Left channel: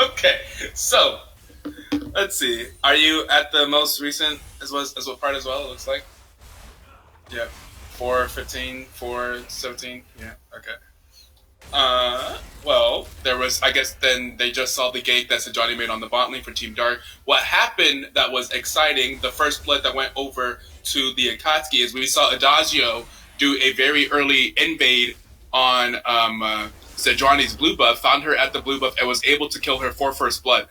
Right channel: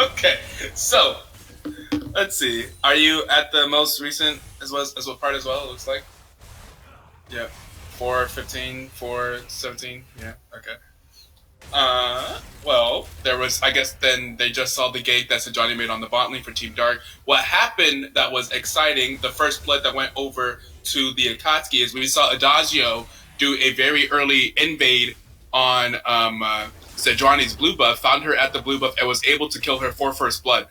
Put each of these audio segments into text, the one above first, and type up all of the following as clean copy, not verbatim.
Okay, so let's see. Are you at the most recent as what part as well? It looks like. Yeah, 4:15, 4:17. Yeah. Okay. Well, there was, I guess then they just saw the gate that Johnny made on the bot lane for Team Dark. What happened that was exciting, the first blood that went over to the Akatsuki is we saw Adagio do a very early invade on Sejuani's blue buff, found her at the blue buff, and was able to kill her for first blood.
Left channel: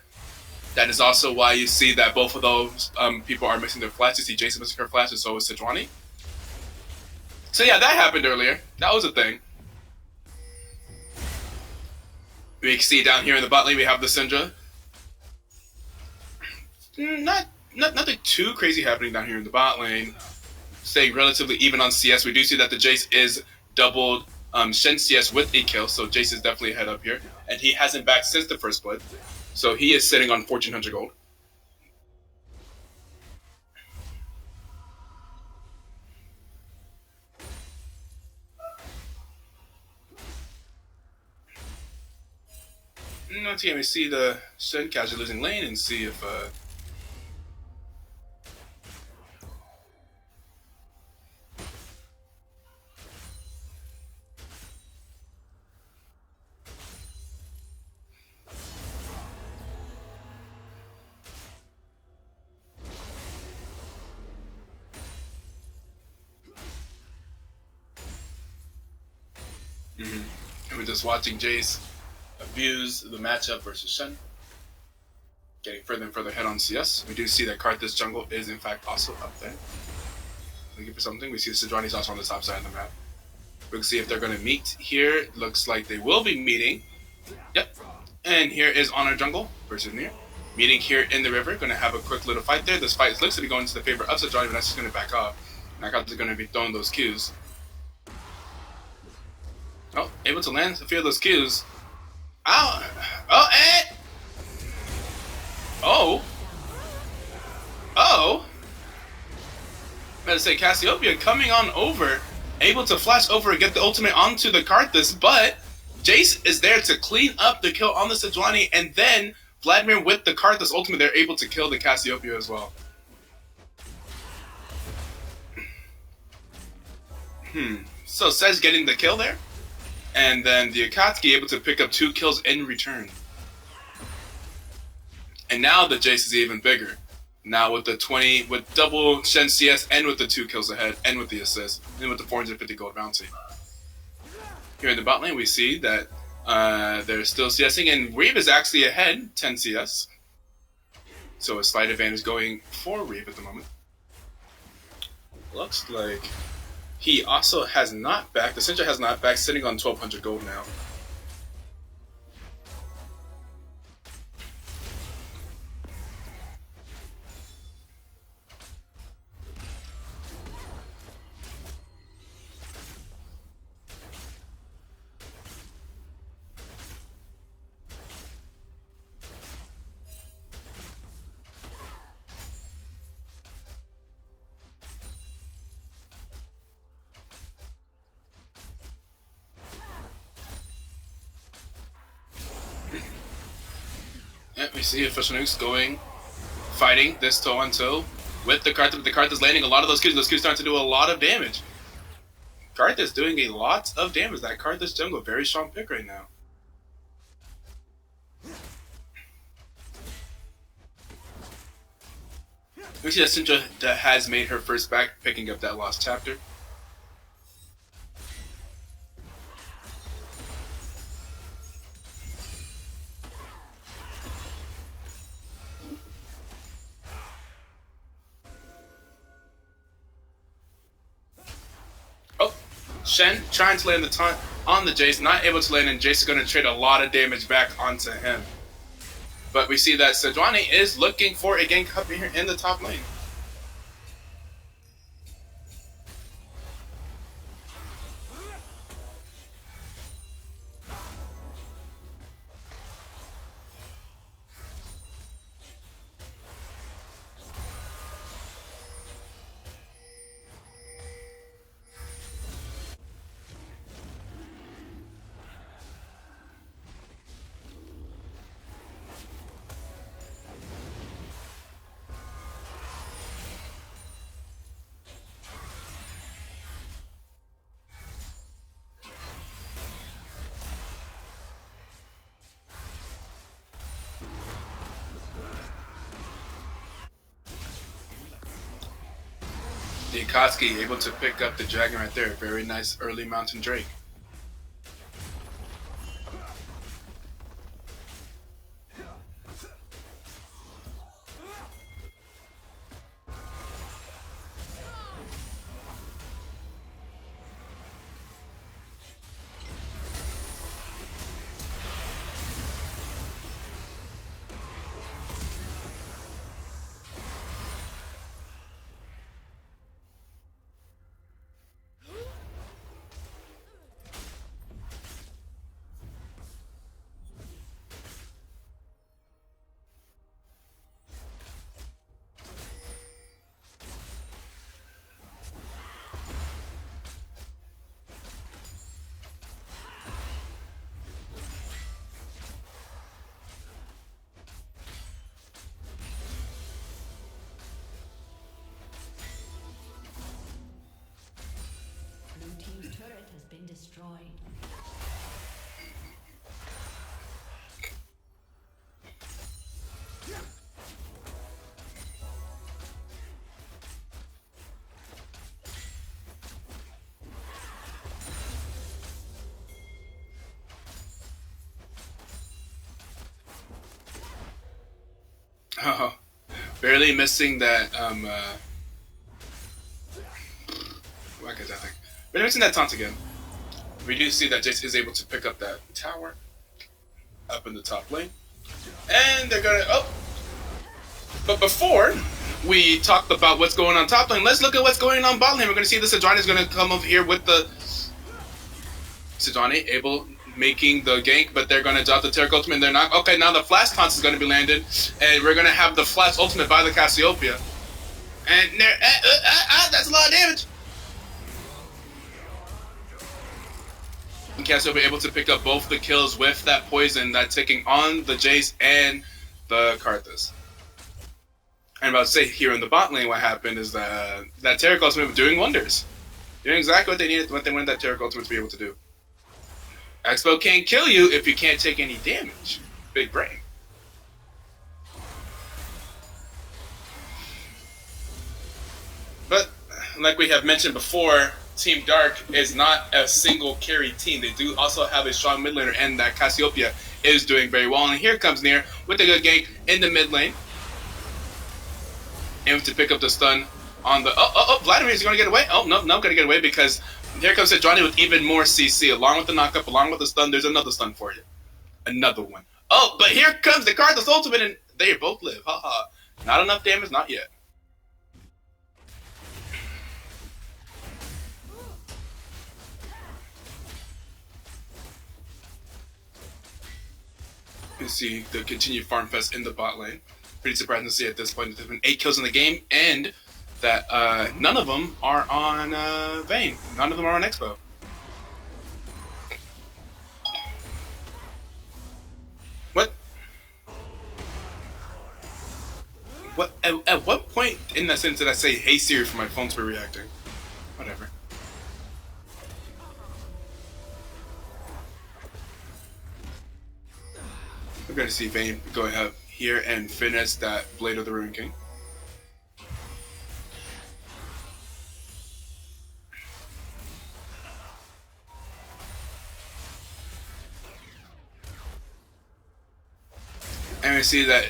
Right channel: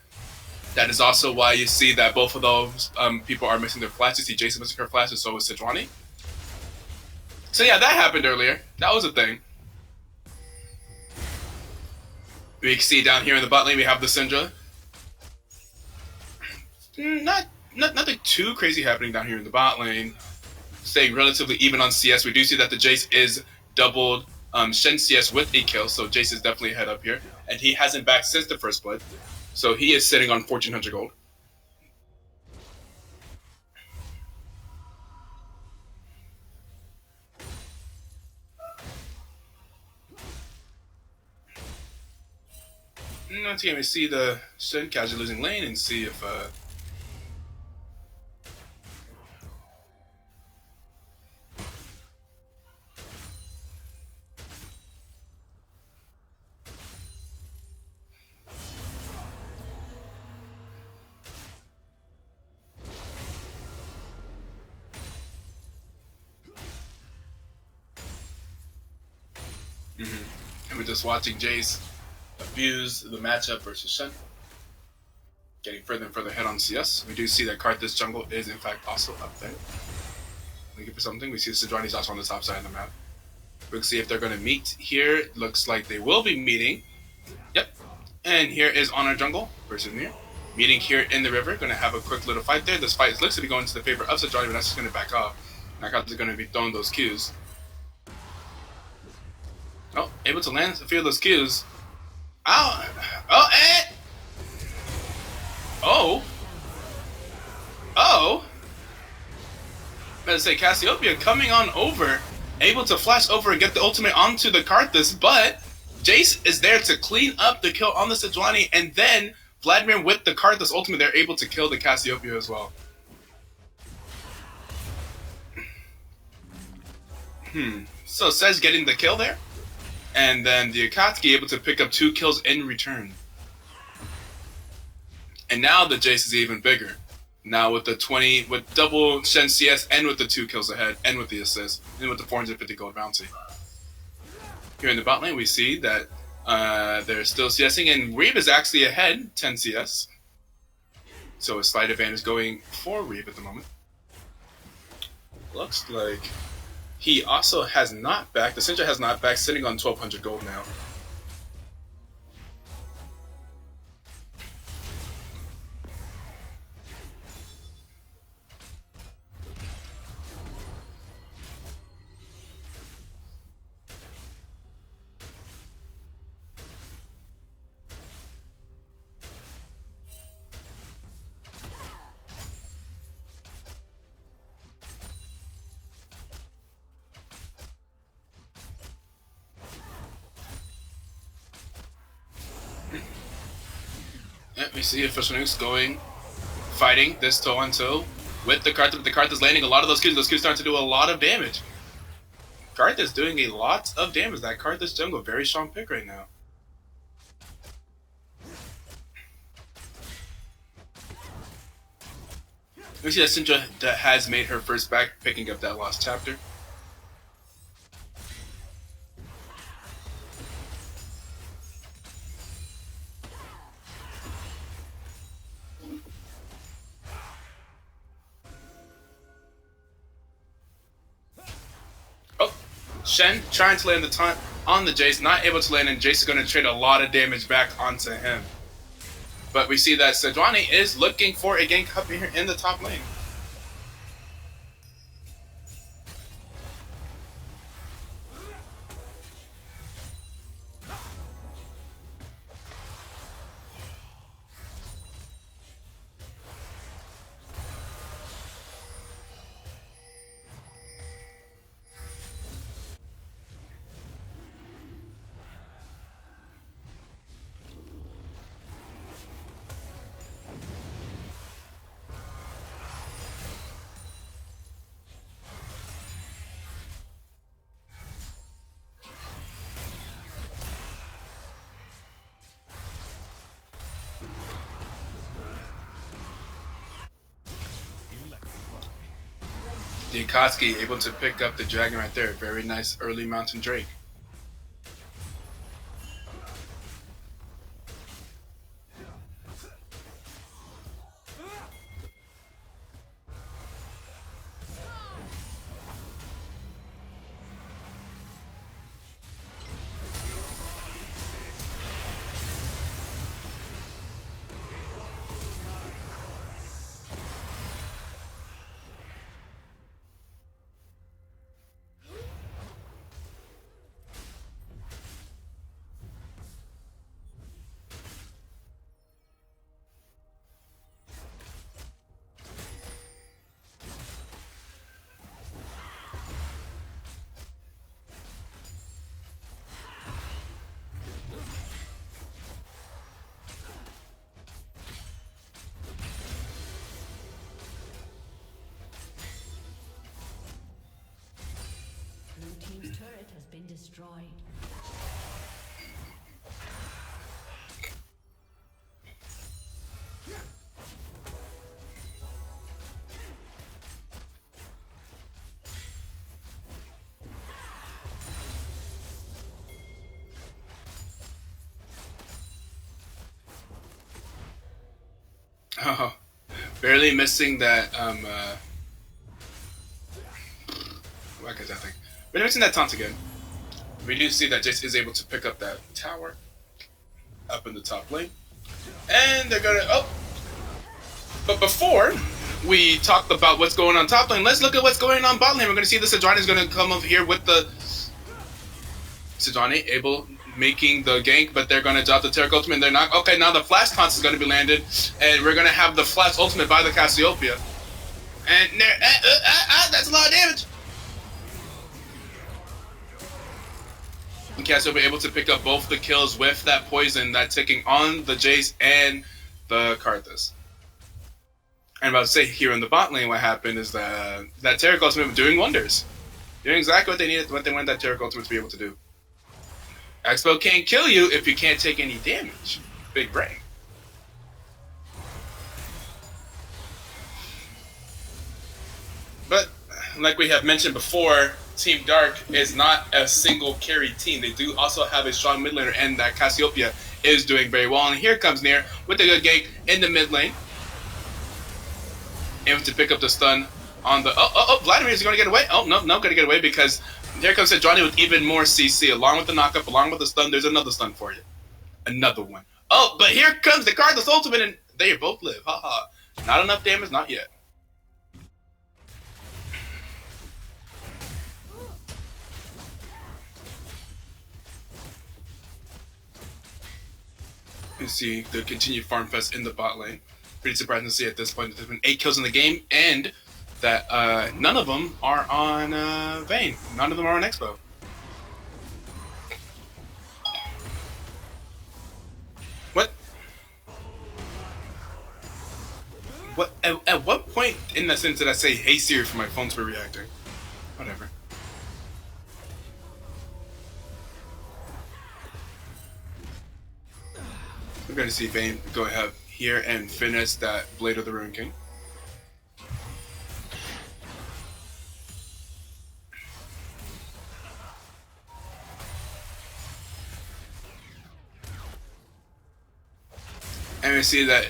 That is also why you see that both of those people are missing their flashes. You see Jason missing her flashes, so is Sejuani. So yeah, that happened earlier. That was a thing. We can see down here in the bot lane we have the Syndra. Nothing too crazy happening down here in the bot lane. Staying relatively even on CS. We do see that the Jace is doubled Shen CS with a kill, so Jace is definitely ahead up here. And he hasn't backed since the first blood. So he is sitting on 1,400 gold. Once again, we see the Shen casually losing lane and see if and we're just watching Jace abuse the matchup versus Shen. Getting further and further ahead on CS. We do see that Karthus jungle is in fact also up there. Looking for something. We see Sejuani's also on the top side of the map. We'll see if they're going to meet here. It looks like they will be meeting. Yep. And here is Honor Jungle versus Nier. Meeting here in the river. Going to have a quick little fight there. This fight looks to be going to the favor of Sejuani, but that's just going to back off. Knockout is going to be throwing those Qs. Oh, able to land a few of those Qs. Ow! Oh, and... Oh! Oh! Better say Cassiopeia coming on over, able to flash over and get the ultimate onto the Karthus, but Jace is there to clean up the kill on the Sejuani, and then Vladimir with the Karthus ultimate, they're able to kill the Cassiopeia as well. So Sej getting the kill there, and then the Akatsuki able to pick up 2 kills in return. And now the Jace is even bigger. Now with the 20, with double Shen CS and with the 2 kills ahead and with the assist and with the 450 gold bounty. Here in the bot lane we see that they're still CSing and Reeve is actually ahead 10 CS. So a slight advantage going for Reeve at the moment. Looks like he also has not backed, the Syndra has not backed, sitting on 1,200 gold now. We see official nukes going, fighting this toe-on-toe with the Karthus. The Karthus landing a lot of those Qs. Those Qs starting to do a lot of damage. Karthus doing a lot of damage. That Karthus jungle, very strong pick right now. We see that Syndra that has made her first back, picking up that lost chapter. Shen trying to land the taunt on the Jace, not able to land, and Jace is going to trade a lot of damage back onto him. But we see that Sejuani is looking for a gank up here in the top lane. The Akatsuki able to pick up the dragon right there. Very nice early mountain drake. Destroyed. Oh, barely missing that. What is that thing? Barely missing that taunt again. We do see that Jace is able to pick up that tower up in the top lane, and they're gonna. Oh, but before we talk about what's going on top lane, let's look at what's going on bot lane. We're gonna see the Sejuani is gonna come over here with the Sejuani able making the gank, but they're gonna drop the Taric ultimate. And they're not okay. Now the flash taunt is gonna be landed, and we're gonna have the flash ultimate by the Cassiopeia, and that's a lot of damage. Cassiopeia able to pick up both the kills with that poison that's ticking on the Jace and the Karthus. And about to say here in the bot lane, what happened is that Taric ultimate was doing wonders, doing exactly what they needed, what they wanted that Taric ultimate to be able to do. Expo can't kill you if you can't take any damage. Big brain. But like we have mentioned before, Team Dark is not a single carry team. They do also have a strong mid laner, and that Cassiopeia is doing very well. And here comes Nair with a good gank in the mid lane, able to pick up the stun on the. Vladimir is going to get away. Oh no, going to get away because here comes Sejuani with even more CC, along with the knockup, along with the stun. There's another stun for you, another one. Oh, but here comes the Karthus ultimate, and they both live. Haha, not enough damage, not yet. You see the continued farm fest in the bot lane. Pretty surprising to see at this point. There's been 8 kills in the game, and that none of them are on Vayne. None of them are on Expo. What? What? At what point in that sentence did I say, "Hey Siri" for my phone to be reacting? Whatever. We're going to see Vayne go ahead here and finish that Blade of the Ruin King. And we see that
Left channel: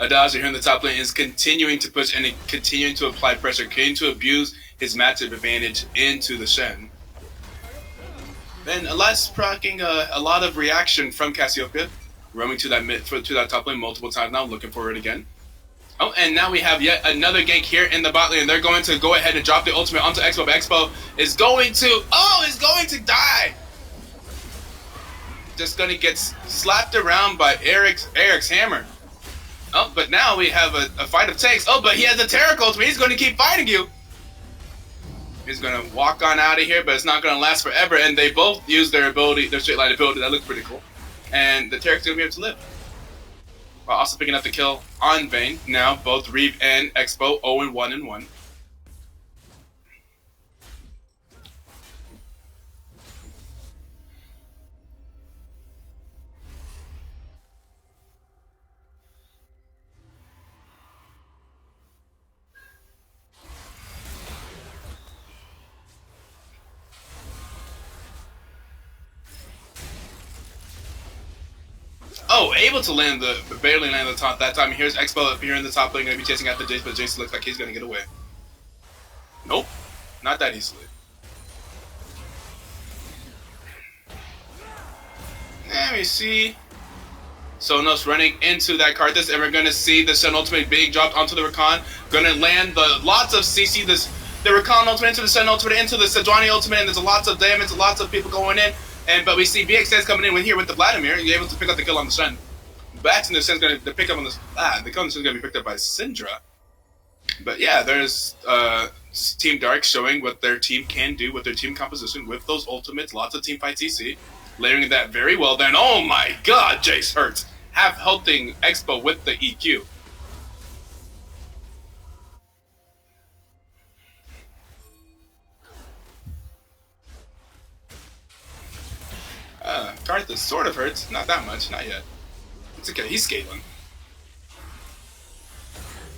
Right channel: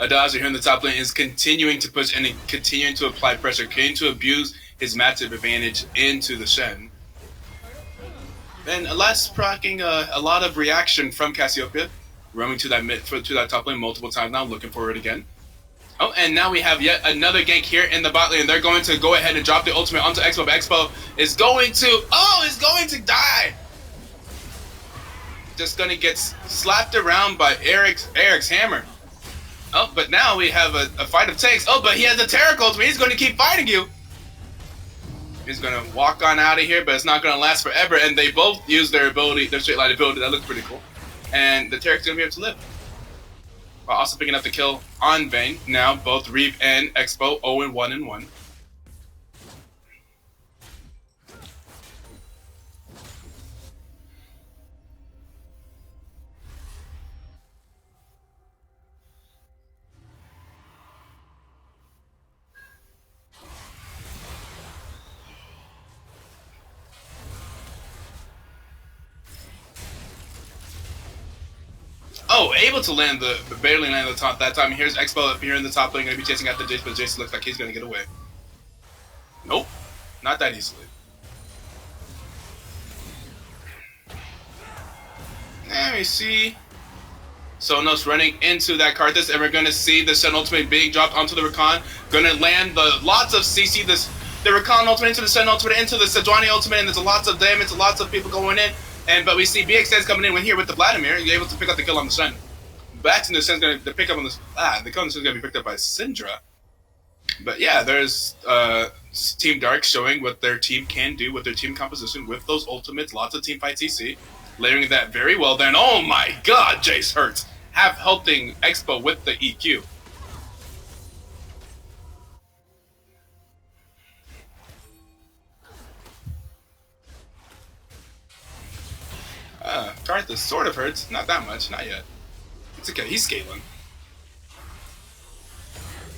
Adagio here in the top lane is continuing to push and continuing to apply pressure, continuing to abuse his matchup advantage into the Shen. Then Elias proccing a lot of reaction from Cassiopeia, roaming to that top lane multiple times now, looking for it again. Oh, and now we have yet another gank here in the bot lane. They're going to go ahead and drop the ultimate onto Expo, but Expo is going to die. Just gonna get slapped around by Eric's hammer. Oh, but now we have a fight of takes. Oh, but he has a Taric ultimate. He's going to keep fighting you. He's going to walk on out of here, but it's not going to last forever. And they both use their ability, their straight line ability. That looks pretty cool. And the Taric's going to be able to live. While also picking up the kill on Vayne. Now both Reeve and Expo 0-1-1. Oh, able to land barely land the top that time. Here's Expo up here in the top lane, going to be chasing after Jace, but Jace looks like he's going to get away. Nope, not that easily. Let me see. Sonos running into that Karthus, and we're going to see the Shen ultimate being dropped onto the Rakan. Going to land lots of CC, the Rakan ultimate into the Shen ultimate, into the Sejuani ultimate, and there's lots of damage, lots of people going in. But we see BXS coming in here with the Vladimir, and you're able to pick up the kill on the Shen. Back to the Shen's going to pick up on this. The kill on the Shen's going to be picked up by Syndra. But yeah, there's Team Dark showing what their team can do with their team composition with those ultimates, lots of team fight TC, layering that very well. Then, oh my god, Jace hurts. Helping Expo with the EQ. Karthus sort of hurts, not that much, not yet. It's okay, he's scaling.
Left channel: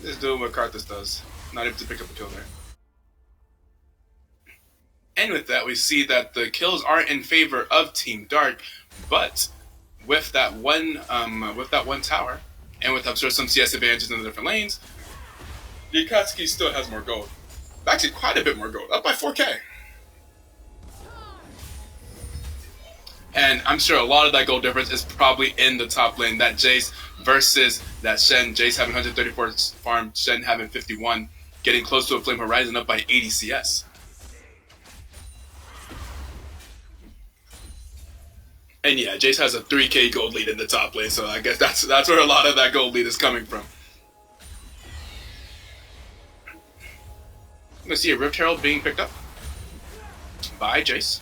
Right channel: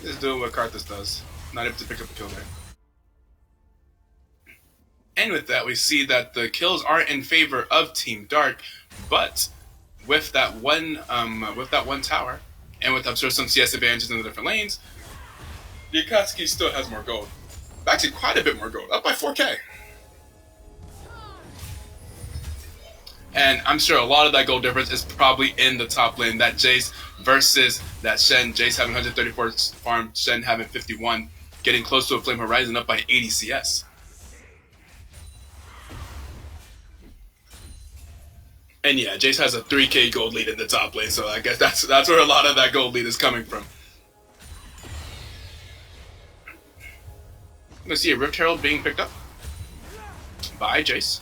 Just doing what Karthus does. Not able to pick up a kill there. And with that, we see that the kills are in favor of Team Dark, but with that one tower, and with I'm sure some CS advantages in the different lanes, the Akatsuki still has more gold. Actually, quite a bit more gold, up by 4K. And I'm sure a lot of that gold difference is probably in the top lane. That Jace versus that Shen. Jace having 134 farm, Shen having 51, getting close to a Flame Horizon up by 80 CS. And yeah, Jace has a 3K gold lead in the top lane, so I guess that's where a lot of that gold lead is coming from. I'm gonna see a Rift Herald being picked up by Jace.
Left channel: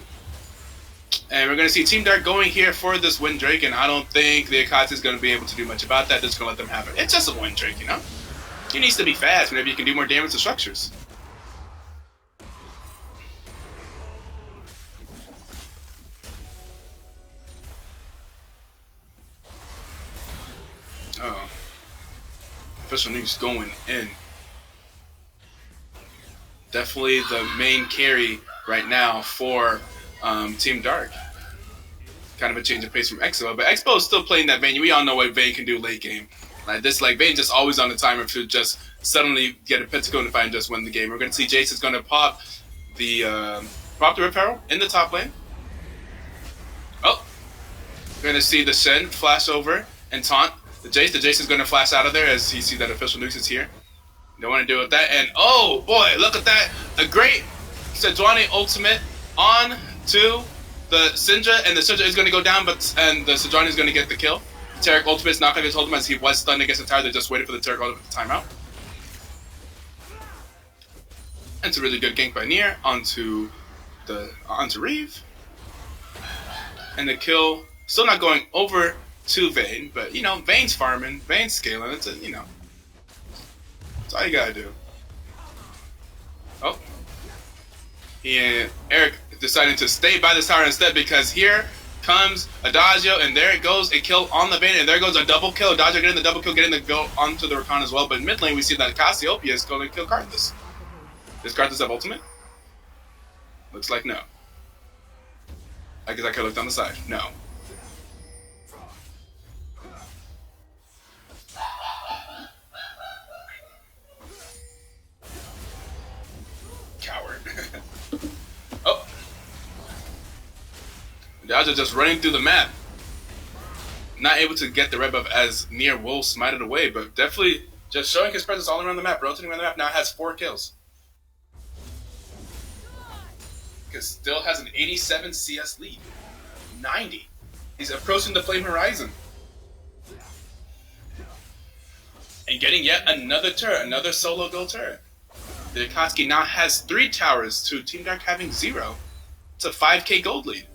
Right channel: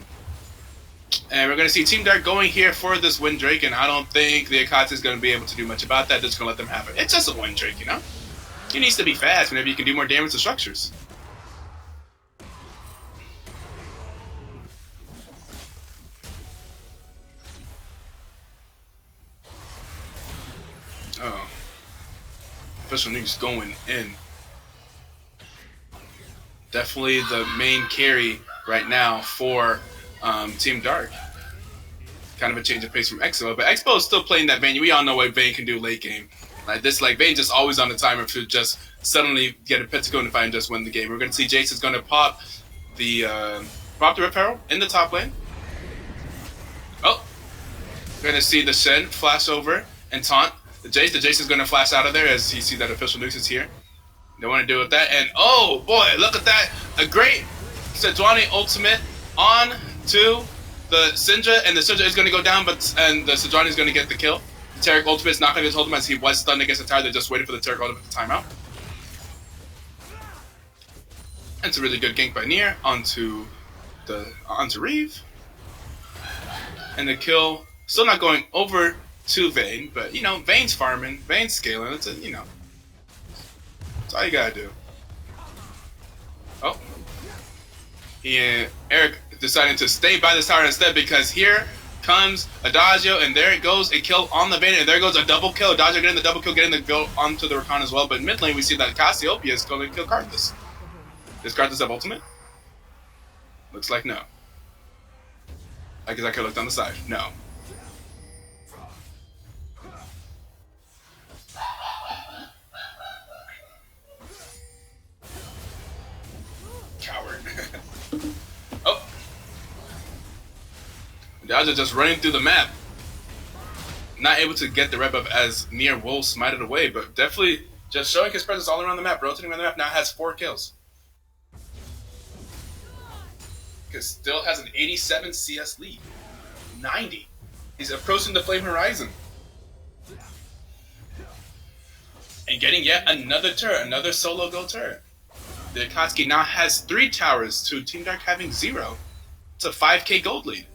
And we're going to see Team Dark going here for this Windrake, and I don't think the Akatsuki is going to be able to do much about that. They're just going to let them have it. It's just a Windrake, you know? He needs to be fast whenever you can do more damage to structures. Oh. Official Nuke's going in. Definitely the main carry right now for Team Dark. Kind of a change of pace from Expo, but Expo is still playing that Vayne. We all know what Vayne can do late game. Like this, like Vayne just always on the timer to just suddenly get a Pentacle and fight and just win the game. We're going to see Jace is going to pop the Rift Herald in the top lane. Oh, we're going to see the Shen flash over and taunt the Jace. The Jace is going to flash out of there as you see that official nukes is here. Don't want to deal with that. And oh boy, look at that! A great Sejuani ultimate on to the Syndra, and the Syndra is going to go down, and the Sejuani is going to get the kill. Taric ultimate is not going to get ultimate as he was stunned against the tower. They're just waiting for the Taric ultimate to time out. And it's a really good gank by Nier onto Reeve. And the kill still not going over to Vayne, but you know, Vayne's farming, Vayne's scaling. It's a, you know, that's all you gotta do. Oh, Eric deciding to stay by this tower instead, because here comes Adagio, and there it goes, a kill on the Vayne, and there goes a double kill. Adagio getting the double kill, getting the go onto the Rakan as well. But mid lane, we see that Cassiopeia is going to kill Karthus. Does Karthus have ultimate? Looks like no. I guess I could look down the side. No. Coward. Oh. Adagio just running through the map. Not able to get the red buff as Nier will smite it away, but definitely just showing his presence all around the map, rotating around the map. Now has 4 kills. Still has an 87 CS lead. 90. He's approaching the Flame Horizon. And getting yet another turret, another solo go turret. The Akatsuki now has 3 towers to Team Dark having 0. It's a 5K gold lead.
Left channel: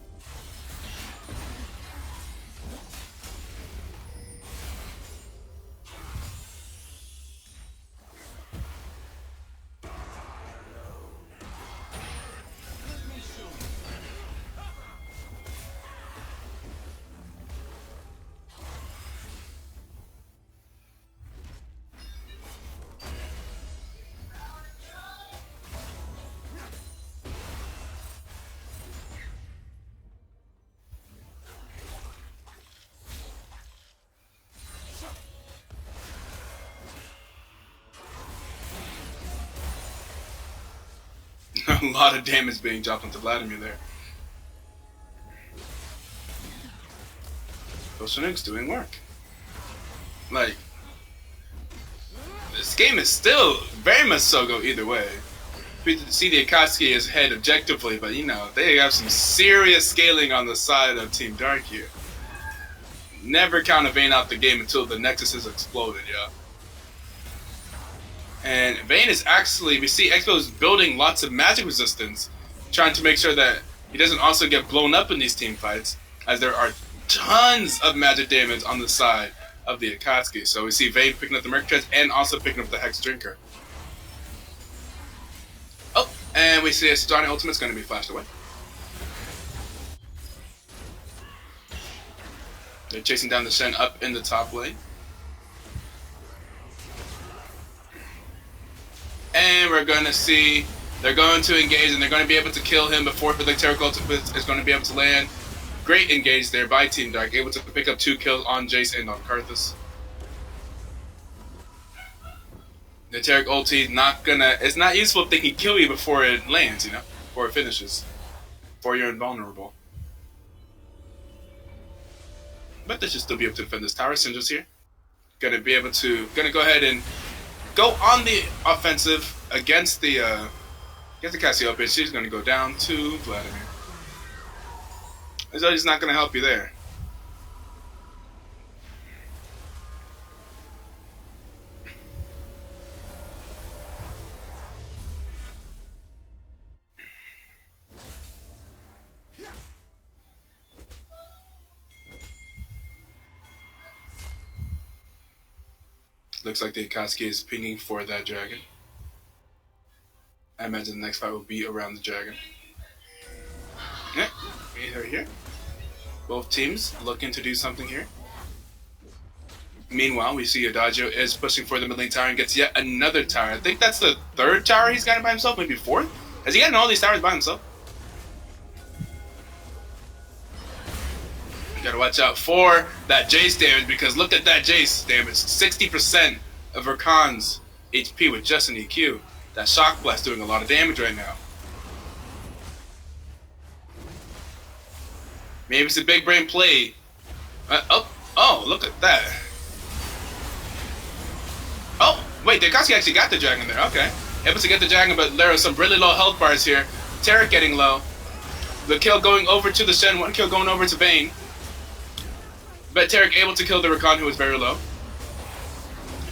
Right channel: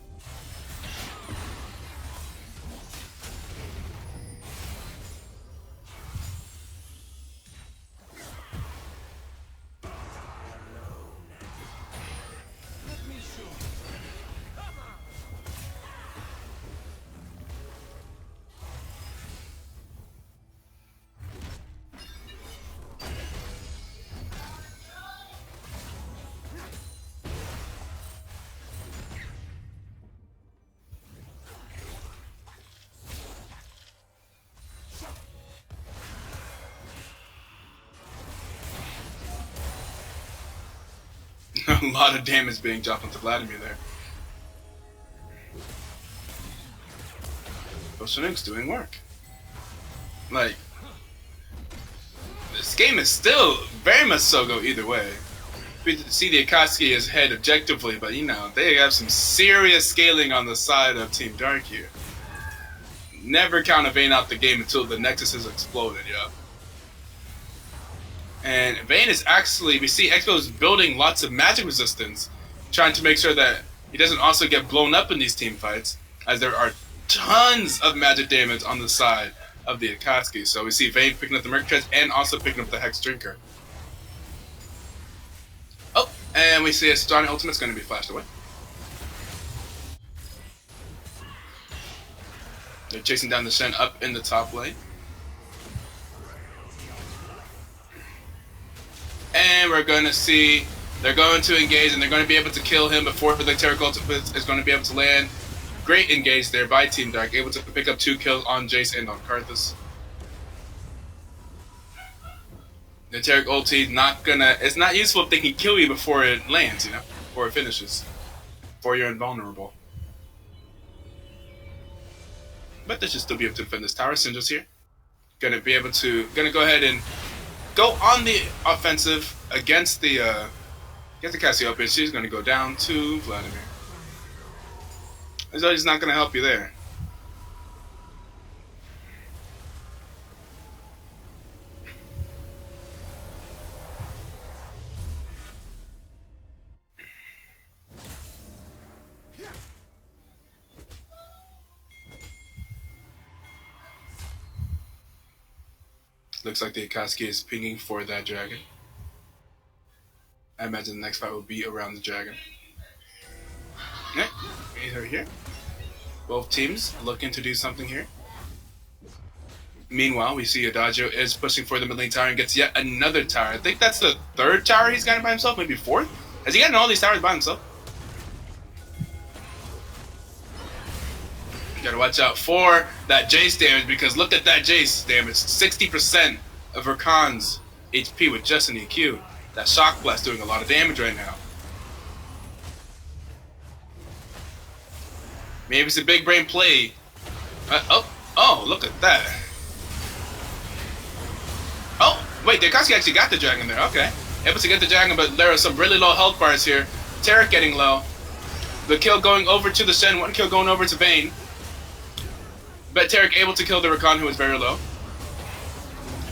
A lot of damage being dropped onto Vladimir there. Bolshevik's doing work. Like, this game is still very much so go either way. We see the Akatsuki is ahead objectively, but you know, they have some serious scaling on the side of Team Dark here. Never count a Vayne out the game until the Nexus is exploded, yeah. And Vayne is actually, we see Expo is building lots of magic resistance, trying to make sure that he doesn't also get blown up in these team fights, as there are tons of magic damage on the side of the Akatsuki. So we see Vayne picking up the Merc Chest and also picking up the Hex Drinker. Oh, and we see a Johnny Ultimate's going to be flashed away. They're chasing down the Shen up in the top lane. And we're going to see they're going to engage and they're going to be able to kill him before the Taric Ultimate is going to be able to land. Great engage there by Team Dark, able to pick up 2 kills on Jace and on Karthus. The Taric ulti it's not useful if they can kill you before it lands, you know, before it finishes, before you're invulnerable. But they should still be able to defend this tower. Syndra's here. Gonna go ahead and go on the offensive against the Cassiopeia. She's gonna go down to Vladimir. So he's not gonna help you there. Looks like the Akatsuki is pinging for that dragon. I imagine the next fight will be around the dragon. Okay, we're here. Both teams looking to do something here. Meanwhile, we see Adagio is pushing for the mid lane tower and gets yet another tower. I think that's the 3rd tower he's gotten by himself, maybe 4th? Has he gotten all these towers by himself? You gotta watch out for that Jace damage, because look at that Jace damage. 60% of Rakan's HP with just an EQ. That Shock Blast doing a lot of damage right now. Maybe it's a big brain play. Oh, look at that. Oh, wait, the Akatsuki actually got the dragon there. Okay. Able to get the dragon, but there are some really low health bars here. Taric getting low. The kill going over to the Shen, 1 kill going over to Vayne. But Taric able to kill the Rakan, who was very low.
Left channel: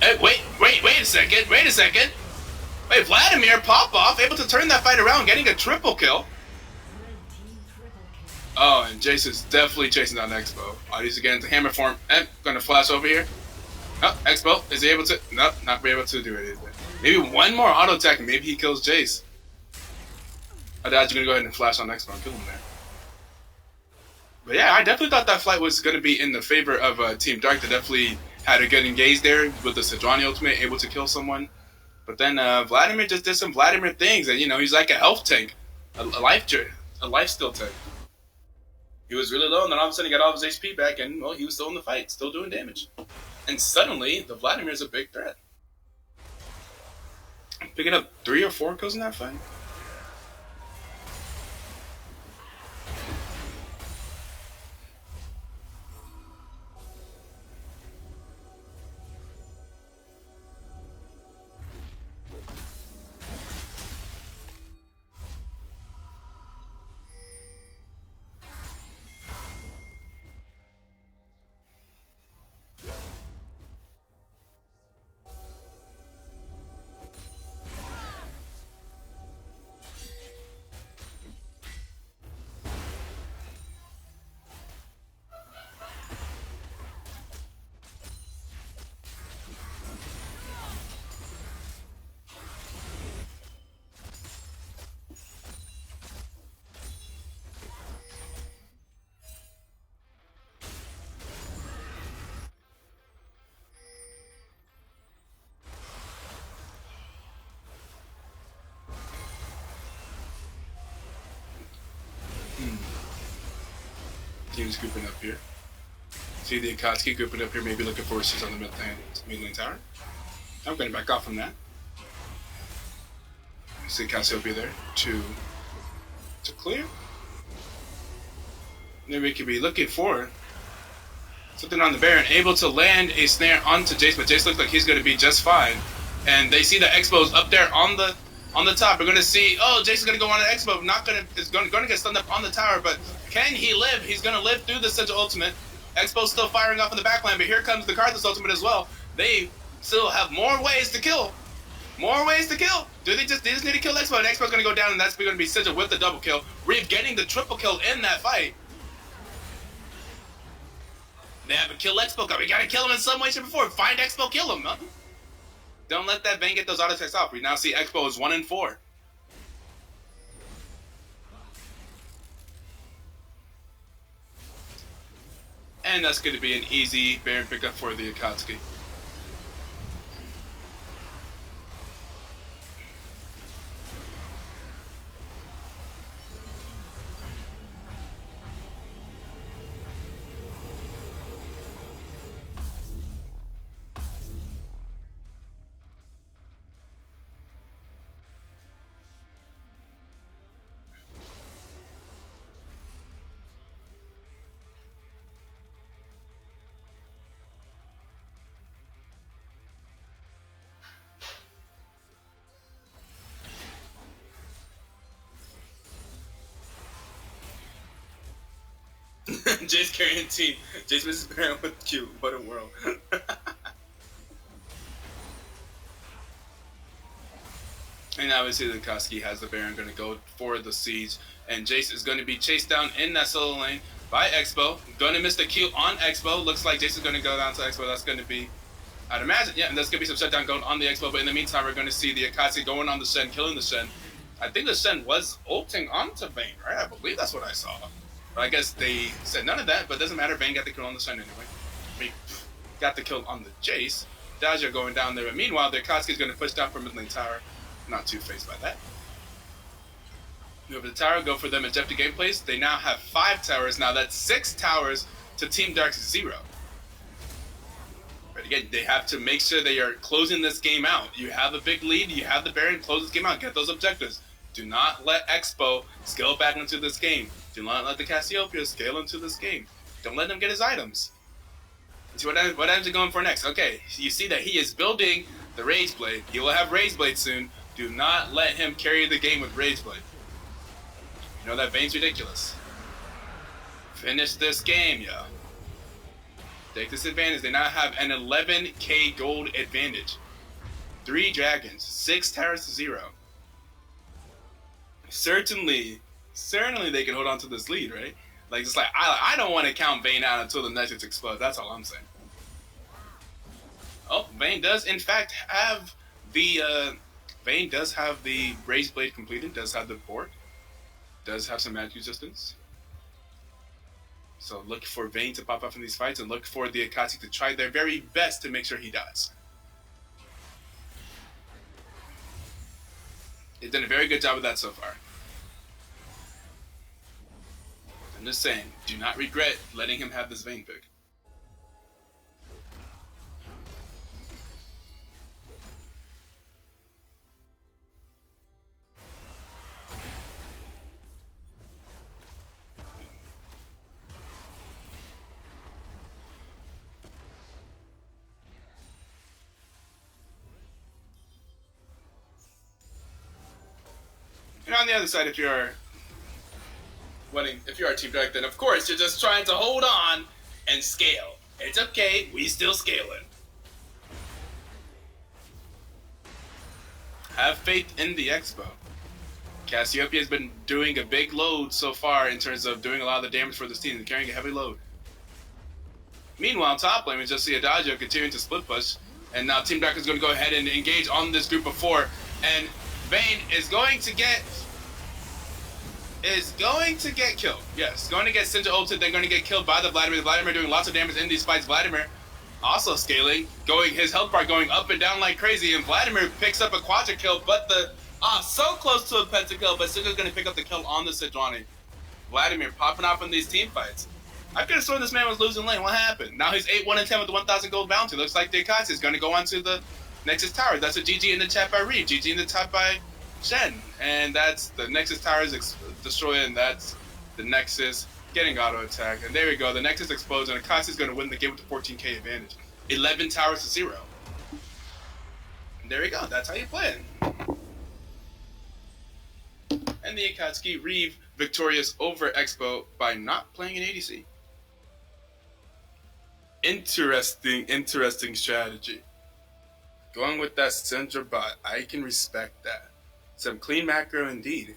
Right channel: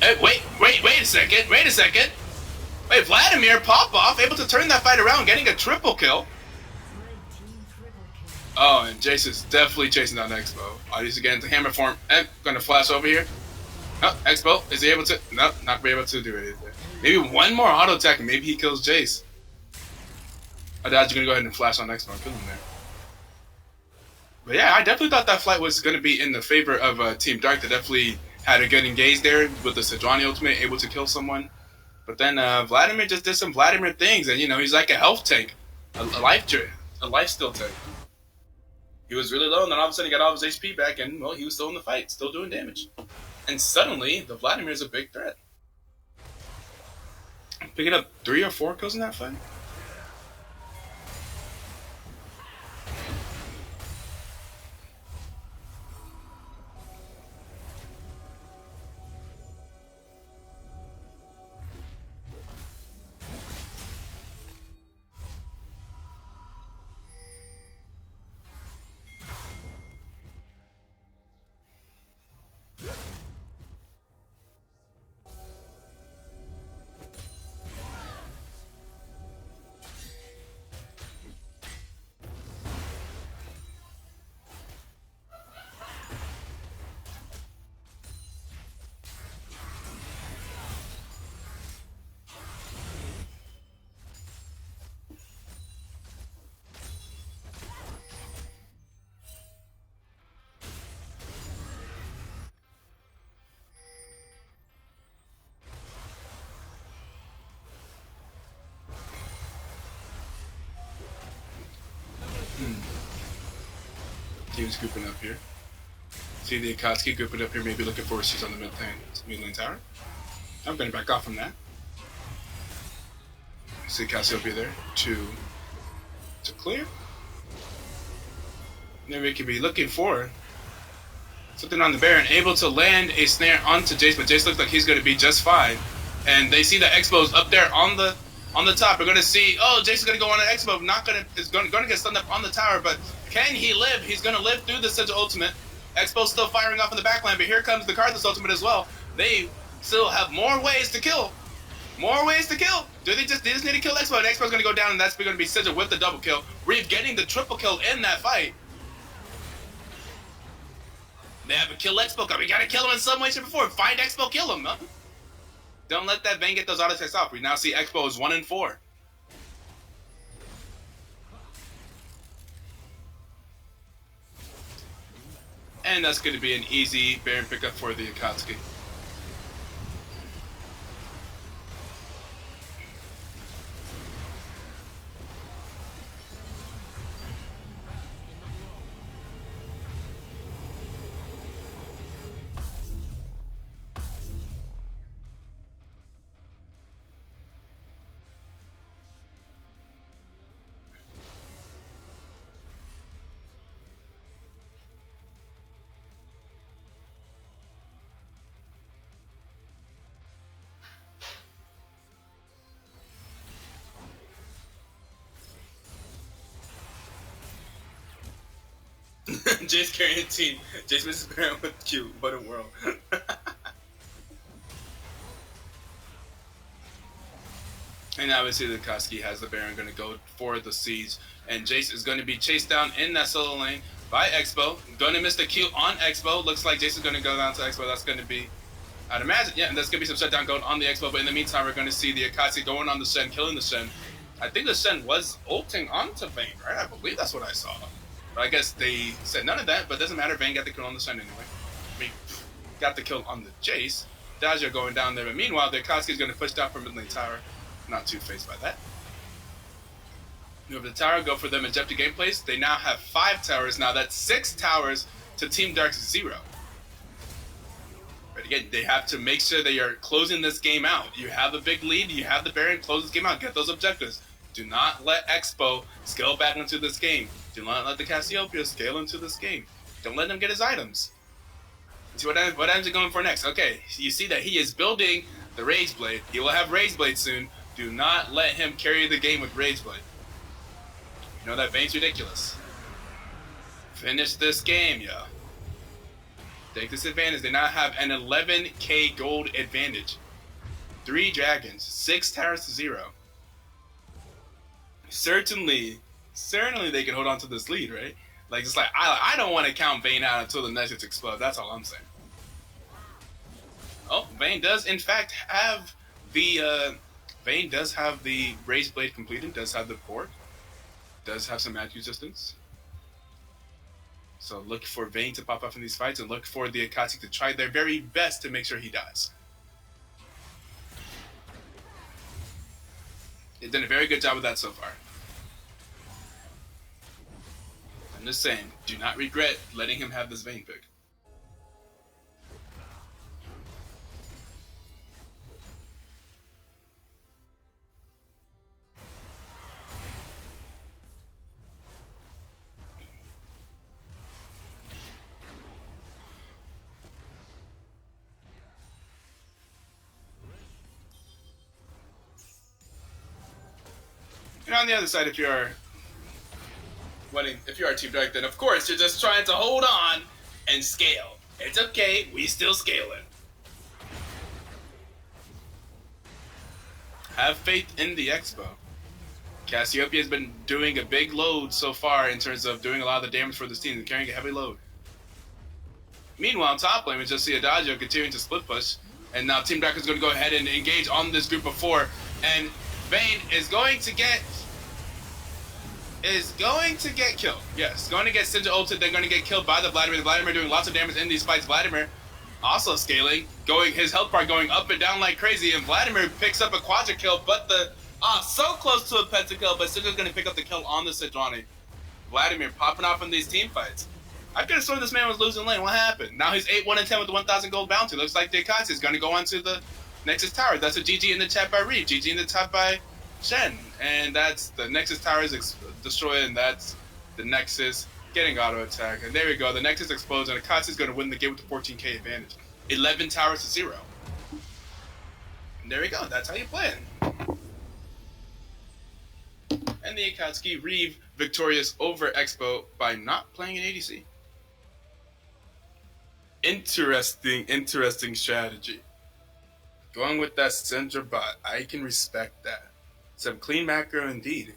Hey, wait a second. Wait, Vladimir, pop off, able to turn that fight around, getting a triple kill. Oh, and Jace is definitely chasing down Expo. Oh, he's getting into hammer form. Gonna flash over here. Oh, Expo, is he able to? No, not be able to do it. Maybe one more auto attack and maybe he kills Jace. Adagio gonna go ahead and flash on Expo and kill him there. But yeah, I definitely thought that fight was gonna be in the favor of Team Dark. They definitely had a good engage there with the Sejuani ultimate, able to kill someone. But then Vladimir just did some Vladimir things, and you know, he's like a health tank, a life steal tank. He was really low, and then all of a sudden he got all of his HP back, and well, he was still in the fight, still doing damage. And suddenly, the Vladimir is a big threat. Picking up 3 or 4 kills in that fight. Team's grouping up here. See the Akatsuki grouping up here, maybe looking for issues on the mid lane tower. I'm going to back off from that. See Cassiopeia there to clear. Then we could be looking for something on the Baron, able to land a snare onto Jace, but Jace looks like he's going to be just fine. And they see the Expo's up there on the top. We're going to see, oh, Jace is going to go on an Expo, is going to get stunned up on the tower, but can he live? He's going to live through the Sigil ultimate. Expo's still firing off in the backline, but here comes the Karthus ultimate as well. They still have more ways to kill. More ways to kill. They just need to kill Expo, and Expo's going to go down, and that's going to be Sigil with the double kill. Reeve getting the triple kill in that fight. They have a kill Expo card. We gotta kill him in some way, shape, or form. Find Expo, kill him. Huh? Don't let that Vayne get those auto attacks off. We now see Expo is 1-4. And that's going to be an easy Baron pickup for the Akatsuki. Jace carrying team. Jace misses Baron with Q. What a world. And obviously the Akatsuki has the Baron going to go for the siege. And Jace is going to be chased down in that solo lane by Expo. Going to miss the Q on Expo. Looks like Jace is going to go down to Expo. That's going to be, I'd imagine, yeah, and there's going to be some shutdown going on the Expo. But in the meantime, we're going to see the Akatsuki going on the Shen, killing the Shen. I think the Shen was ulting onto Vayne, right? I believe that's what I saw. But I guess they said none of that, but it doesn't matter. Vayne got the kill on the Shen anyway. We got the kill on the Jace. Dazio going down there. But meanwhile, the Akatsuki is going to push down from mid lane tower. Not too phased by that. Move the tower, go for them objective gameplays. They now have 5 towers. Now that's 6 towers to Team Dark's 0. But again, they have to make sure they are closing this game out. You have a big lead. You have the Baron. Close this game out. Get those objectives. Do not let Expo scale back into this game. Do not let the Cassiopeia scale into this game. Don't let him get his items. See what items are going for next. Okay, you see that he is building the Rage Blade. He will have Rage Blade soon. Do not let him carry the game with Rage Blade. You know that Vayne's ridiculous. Finish this game, yo. Take this advantage. They now have an 11k gold advantage. 3 dragons, 6 towers to 0. Certainly they can hold on to this lead, right? Like, just like, I don't want to count Vayne out until the Nexus explodes. That's all I'm saying. Oh, Vayne does, in fact, have the, Vayne does have the Rage Blade completed, does have the port, does have some magic resistance. So look for Vayne to pop up in these fights and look for the Akatsuki to try their very best to make sure he dies. They've done a very good job of that so far. I'm just saying, do not regret letting him have this Vayne pick. And on the other side, if you are Team Dark, then of course you're just trying to hold on and scale. It's okay, we still scaling. Have faith in the Expo. Cassiopeia has been doing a big load so far in terms of doing a lot of the damage for this team and carrying a heavy load. Meanwhile, top lane, we just see Adagio continuing to split push, and now Team Dark is going to go ahead and engage on this group of 4, and Vayne is going to get killed. Yes, going to get Sinja ulted. They're going to get killed by the Vladimir. The Vladimir doing lots of damage in these fights. Vladimir also scaling, his health bar going up and down like crazy, and Vladimir picks up a quadra kill, but so close to a pentakill, but Sinja's going to pick up the kill on the Sejuani. Vladimir popping off in these team fights. I could have sworn this man was losing lane. What happened? Now he's 8-1-10 with the 1,000 gold bounty. Looks like the Akatsuki is going to go on to the Nexus Tower. That's a GG in the chat by Reed. GG in the chat by Shen, and that's the Nexus towers destroyed, and that's the Nexus getting auto attack. And there we go. The Nexus explodes, and Akatsuki is going to win the game with the 14k advantage. 11 towers to 0. And there we go. That's how you play it. And the Akatsuki Reeve victorious over Expo by not playing an ADC. Interesting strategy. Going with that Syndra bot, I can respect that. Some clean macro indeed.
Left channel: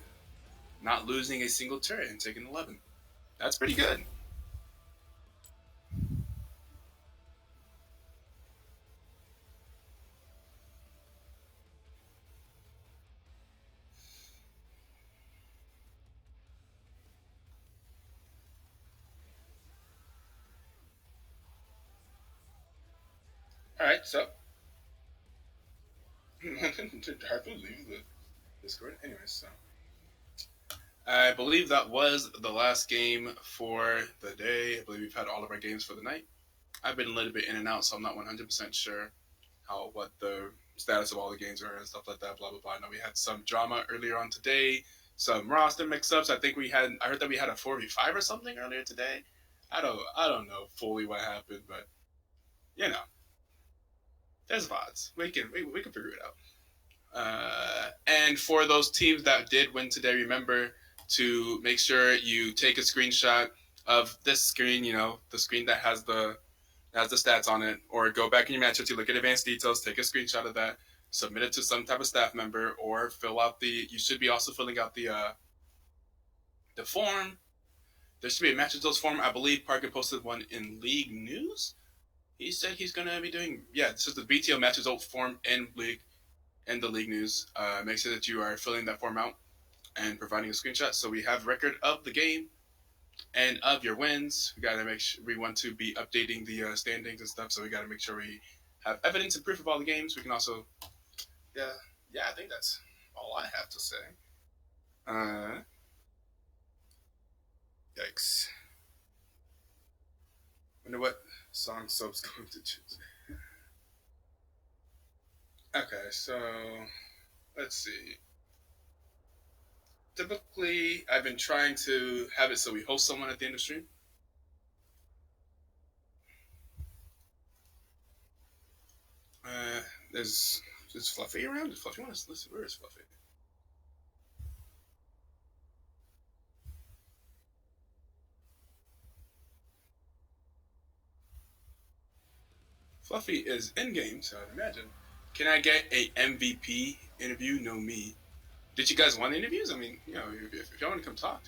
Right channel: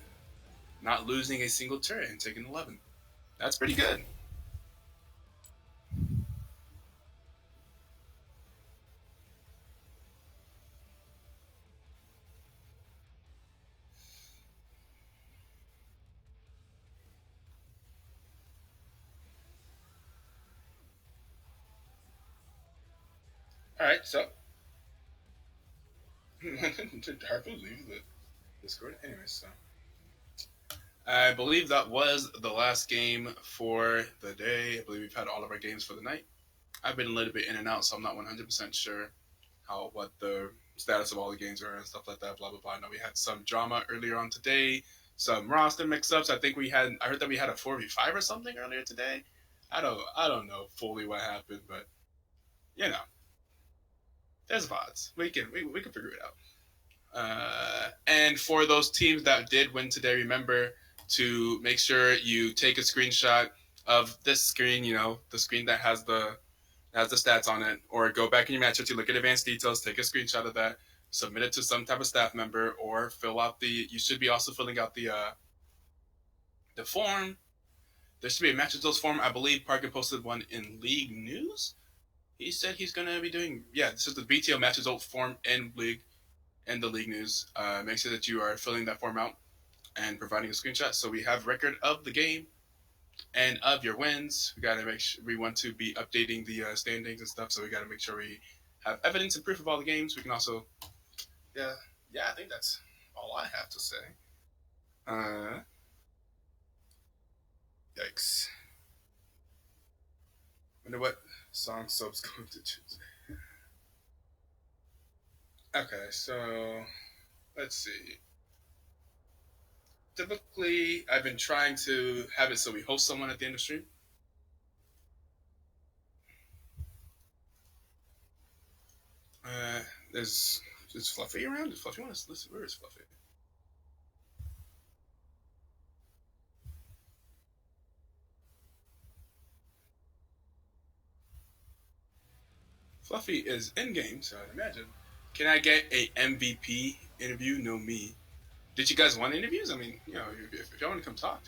Not losing a single turret and taking 11. That's pretty good. Alright, so. Hard to leave the Discord. Anyways, so. I believe that was the last game for the day. I believe we've had all of our games for the night. I've been a little bit in and out, so I'm not 100% sure what the status of all the games are and stuff like that. Blah blah blah. I know we had some drama earlier on today, some roster mix-ups. I heard that we had a 4v5 or something earlier today. I don't know fully what happened, but you know, there's VODs. We can figure it out. And for those teams that did win today, remember to make sure you take a screenshot of this screen. You know, the screen that has the stats on it, or go back in your matchup to look at advanced details, take a screenshot of that, submit it to some type of staff member, or fill out you should be also filling out the form. There should be a match results form. I believe Parker posted one in League News. He said he's going to be doing, this is the BTL match results form in the League News. Make sure that you are filling that form out and providing a screenshot so we have record of the game and of your wins. We got to make sure we want to be updating the standings and stuff, so we got to make sure we have evidence and proof of all the games. We can also, I think that's all I have to say. Yikes. Wonder what song Soap's going to choose. Okay, so let's see. Typically, I've been trying to have it so we host someone at the end of stream. Is Fluffy around? Does Fluffy want to listen? Where is Fluffy? Fluffy is in game, so I'd imagine. Can I get a MVP interview? No me. Did you guys want interviews? I mean, you know, if y'all want to come talk.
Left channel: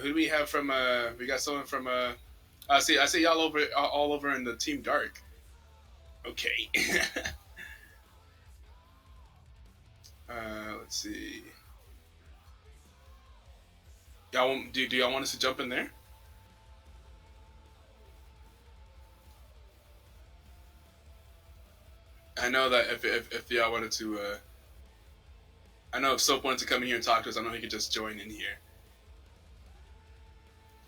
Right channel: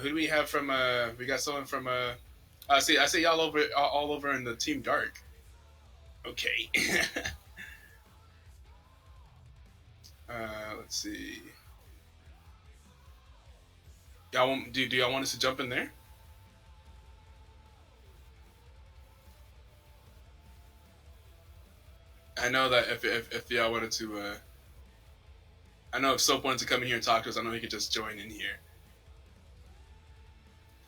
Who do we have from? We got someone from. I see y'all all over in the Team Dark. Okay. Let's see. Y'all do y'all want us to jump in there? I know that if y'all wanted to, I know if Soap wanted to come in here and talk to us, I know he could just join in here.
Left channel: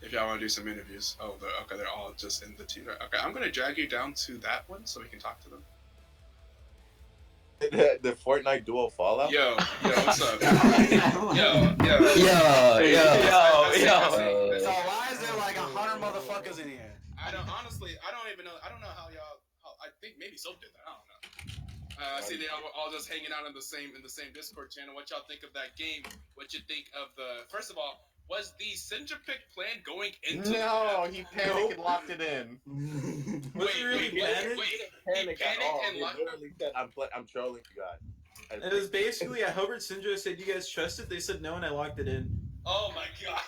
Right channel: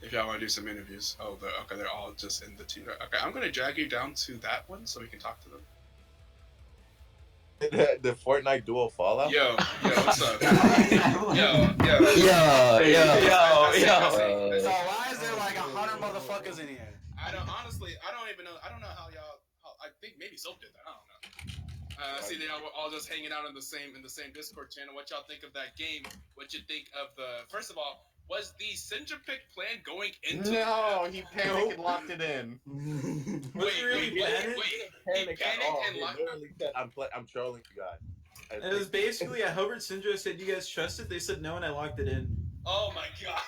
If y'all want to do some interviews. Oh, okay, they're all just in the team. Okay, I'm gonna drag you down to that one so we can talk to them. The Fortnite duo Fallout? Yo, what's up? yo. So why is there like 100 motherfuckers in here? I don't even know. I don't know how y'all. I think maybe Soap did that. I don't know. I see they all just hanging out in the same Discord channel. What y'all think of that game? What you think of the? First of all, was the Syndra pick plan going into? No, he panicked and locked it in. Was he really panicked? He panicked and locked it. I'm trolling you guys. It was basically I hovered Syndra, said you guys trust it. They said no, and I locked it in. Oh my god!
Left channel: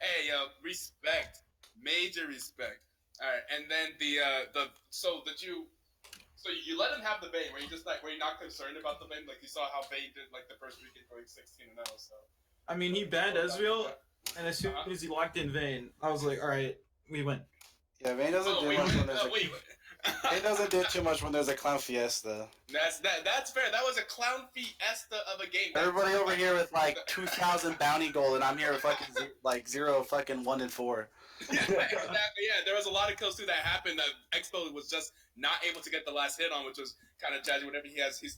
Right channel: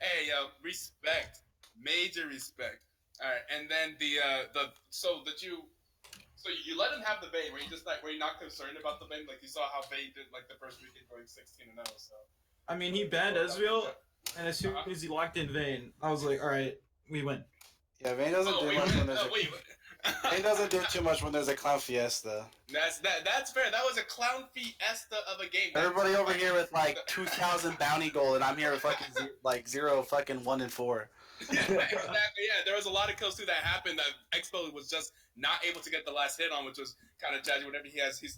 Hey, respect, major respect. All right, and then so you let him have the Vayne. Were you not concerned about the Vayne? Like you saw how Vayne did like the first weekend going 16-0. So I mean, he banned Ezreal, and as soon as he locked in Vayne, I was like, all right, we win. Yeah, Vayne doesn't do much when there's He doesn't do too much when there's a clown fiesta. That's fair. That was a clown fiesta of a game. Everybody over here with like 2,000 bounty gold, and I'm here with fucking like 0 fucking 1 and 4. Exactly. Yeah, there was a lot of kills too that happened that Expo was just not able to get the last hit on, which was kind of judgy. Whenever he has 2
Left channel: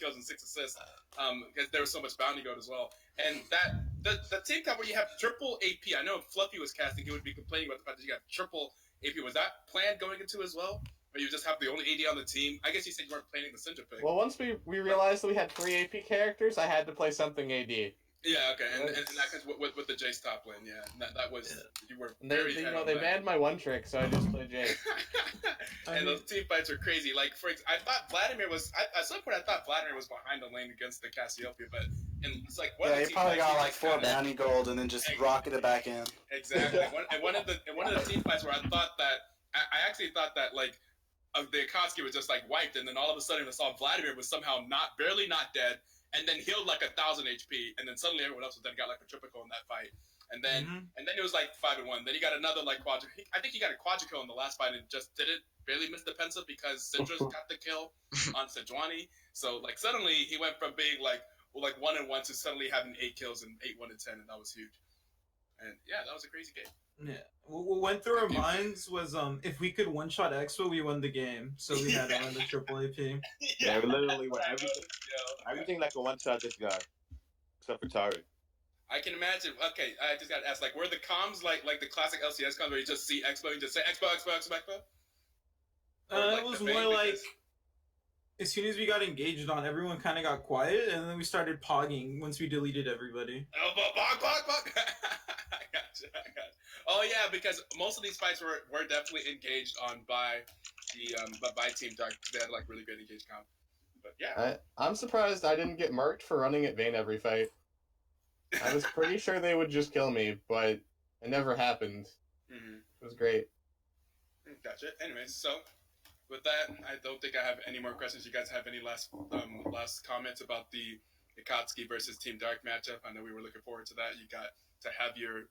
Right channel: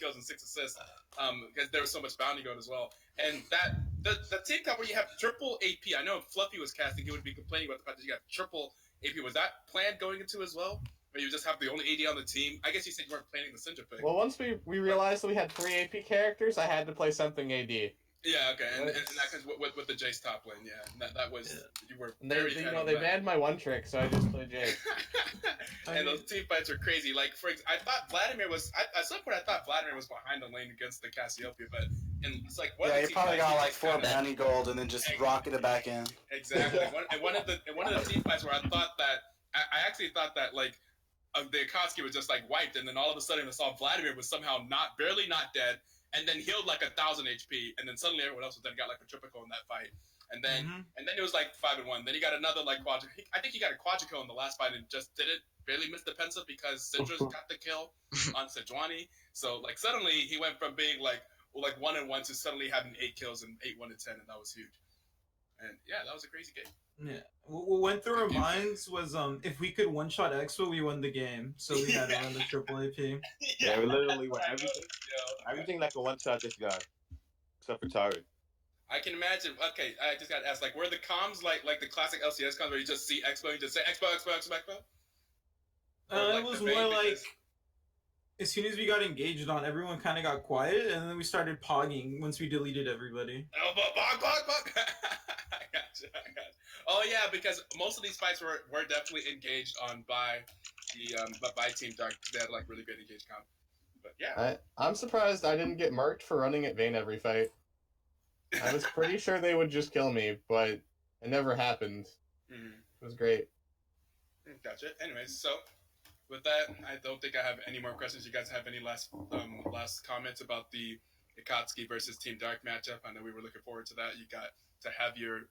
kills and 6 assists, because there was so much bounty gold as well. And that the team cup where you have triple AP. I know if Fluffy was casting, he would be complaining about the fact that you got triple AP. Was that planned going into as well? Or you just have the only AD on the team? I guess you said you weren't planning the Syndra pick. Well, once we realized that we had 3 AP characters, I had to play something AD. Yeah, okay, and that comes with the Jace top lane, yeah. That was you were very they banned my one trick, so I just played Jace. And those team fights were crazy. Like I thought Vladimir was at some point I thought Vladimir was behind the lane against the Cassiopeia, but it's like yeah, he probably got like 4 bounty gold and then just rocketed it back in. Exactly. And one of the team fights where I thought that I actually thought that like the Akatsuki was just like wiped, and then all of a sudden I saw Vladimir was somehow barely not dead. And then healed like 1,000 HP, and then suddenly everyone else then got like a triple kill in that fight, and then it was like 5-1. Then he got another like quadra. I think he got a quadra kill in the last fight and just barely missed the pencil because Syndra's got the kill on Sejuani. So like suddenly he went from being like 1-1 to suddenly having 8 kills and 8-1-10, and that was huge. And yeah, that was a crazy game. Yeah, what went through our minds was if we could one-shot Expo, we won the game. So we had to run the triple AP. Yeah, we literally won everything like a one-shot this guy, except for Tari. I can imagine. Okay, I just got to ask, like, were the comms like the classic LCS comms where you just see Expo and you just say Expo? It was more like as soon as we got engaged on, everyone kind of got quiet, and then we started pogging once we deleted everybody. Oh, bog. I got you. Oh yeah, because most of these fights were definitely engaged on by Team Dark. They had like really good engaged comp. But yeah, I'm surprised I didn't get marked for running at Vayne every fight. I was pretty sure they would just kill me, but it never happened. It was great. Gotcha. Anyways, so with that, I don't think I have any more questions. You guys have any last comments about the Akatsuki versus Team Dark matchup? I know we were looking forward to that. You got to have your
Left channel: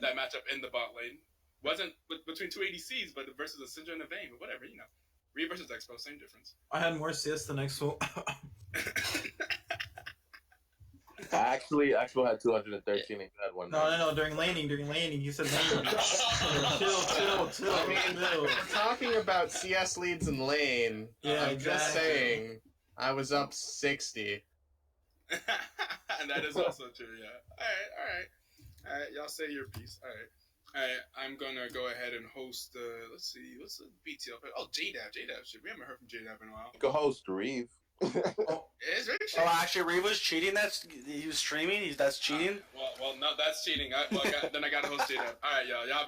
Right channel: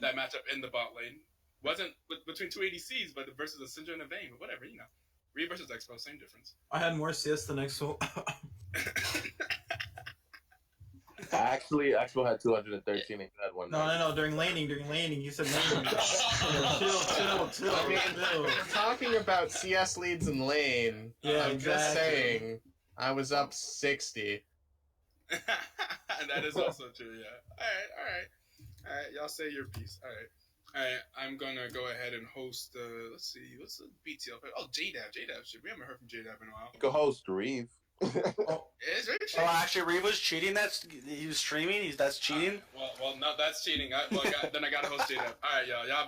that matchup in the bot lane. Wasn't between 2 ADCs, but versus a Syndra and a Vayne, but whatever, Reed versus Expo, same difference. I had more assists than Expo. Actually, Expo had 213 and you had 1. No. During laning, he said laning. Chill. I mean, we're talking about CS leads in lane. Yeah, I'm just saying, I was up 60. And that is also true, yeah. All right. Y'all say your piece. All right. I'm gonna go ahead and host. Let's see, what's the BTL? Oh, JDAV. Shit, we haven't heard from JDAV in a while. You can host Reeve. Is Reeve cheating? Oh, actually, Reeve was cheating. He was streaming. That's cheating. Well, no, that's cheating. Then I gotta host JDAV. All right, y'all have a good.